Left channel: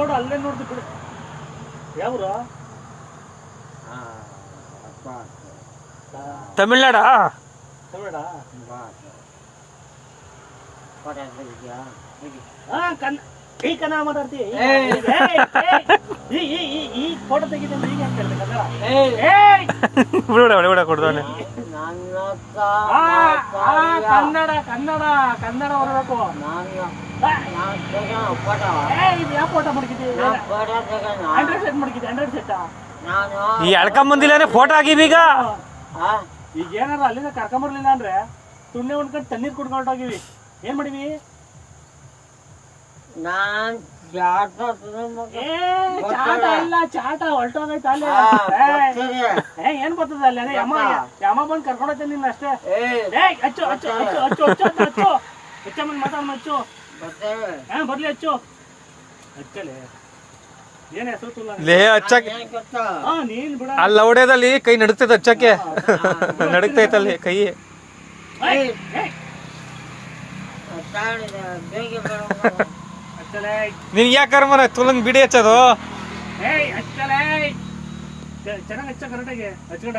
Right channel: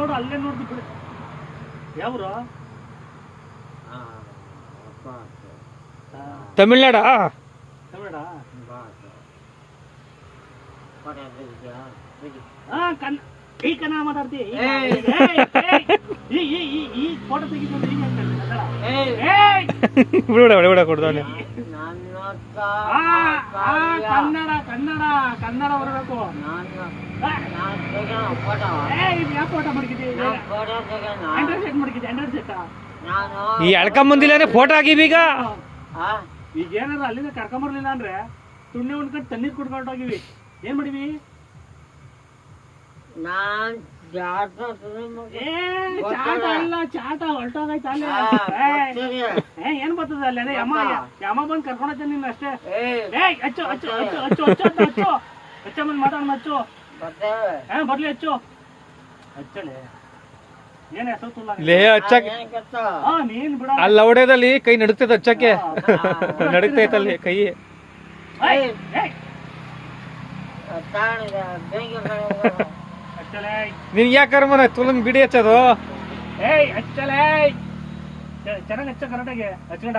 ನೋಡು ಅಲ್ಲೇ ನೋಡ್ದು ಬಿಡು. ಯಾವ್ರ ತಮಿಳ್ನಾಡ ತಮಿಳ್ನಾಡ? ಈ ಕನ್ನಡ ಮಾತಾಡ್ತಿ? ಈ ಫೋಟೋ ತೆಗಿತೀನಿ ಈಗ ಅಂತ ಬಿಡ ಕೊಡ್ದವನೆ. ಕನ್ನಡ ಕನ್ನಡ ಕನ್ನಡ ಬರಬೇಕು. ಯಾವ ಫೋಟೋ ಮಡಗಿದ್ದೀವಿ? ಆಂಡ್ರಾಯ್ಡ್ ಸೆಟ್ ಮಡಗಿದ್ದೆ. ಆಂಡ್ರಾಯ್ಡ್ ಸೆಟ್ ಈ ಎಳ್ಕೊಂಬಂದಿಲ್ಲ ಫೋಟೋ ಆಗಿವಿ. ಈಗ ಏನಾರ ಅಲ್ಲಿಂದ ಕರ್ಕೊಂಬರ್ಲಿಲ್ಲ ಅಂದ್ರೆ ತುಣ್ಣೆ ಉಣ್ಕೊಂಡು ತಣ್ಣೀರ್ ಕುಡ್ಕೊಂಡೋಗಿವಿ. ಏನ್ ಮಾಡಿವಿ? ಚಾಟ ಅಲ್ಲ, ಚಾಟ ಹೊಲ್ಟೋಗೈತ ಅಲ್ಲಿ. ಏನ್ ಬರ್ತದ ಅಲ್ಲಿ? ಅದೇ ಯಮ ಬಂದ್ ಕರ್ಕೊಂಡೋಗ್ತ ನಿನ್ನ ಅಷ್ಟೇ. ಹಚ್ಚು ಹಚ್ಚು ಹಚ್ಚು ಹಚ್ಚು ಹಚ್ಚು ಹಚ್ಚು ಹೆಚ್ಚಮ್ಮನ್ ಮಾತಾಡ ಹಚ್ಚು. ಬರ್ಲಿ ಹಚ್ಚು ಹಚ್ಚಲೆ. ಏನ್ ಹೆಸರು ತುಲ್ಲ ನೀನ್ ಬಿಡ. ಅಲ್ಲಿ ಹೊಡೆದಲ್ಲಿ ಕೈ ನಡುತ್ತೈತೆ ಹಚ್ಚಕ್ಕೆ. ನಡುಕ್ತೈತಲ್ಲಿ ಕೈ. ನಿನ್ ಯಾಕಾರ ಮರ ತುಲಂಗ್ ಬಿಡಿ ಹಚ್ಚೋದು. ಚೆನ್ನಾಗಿ ಹಚ್ಚ ಕರೆಕ್ಟಾಗಿ ಹಚ್ಕೊಂಡ.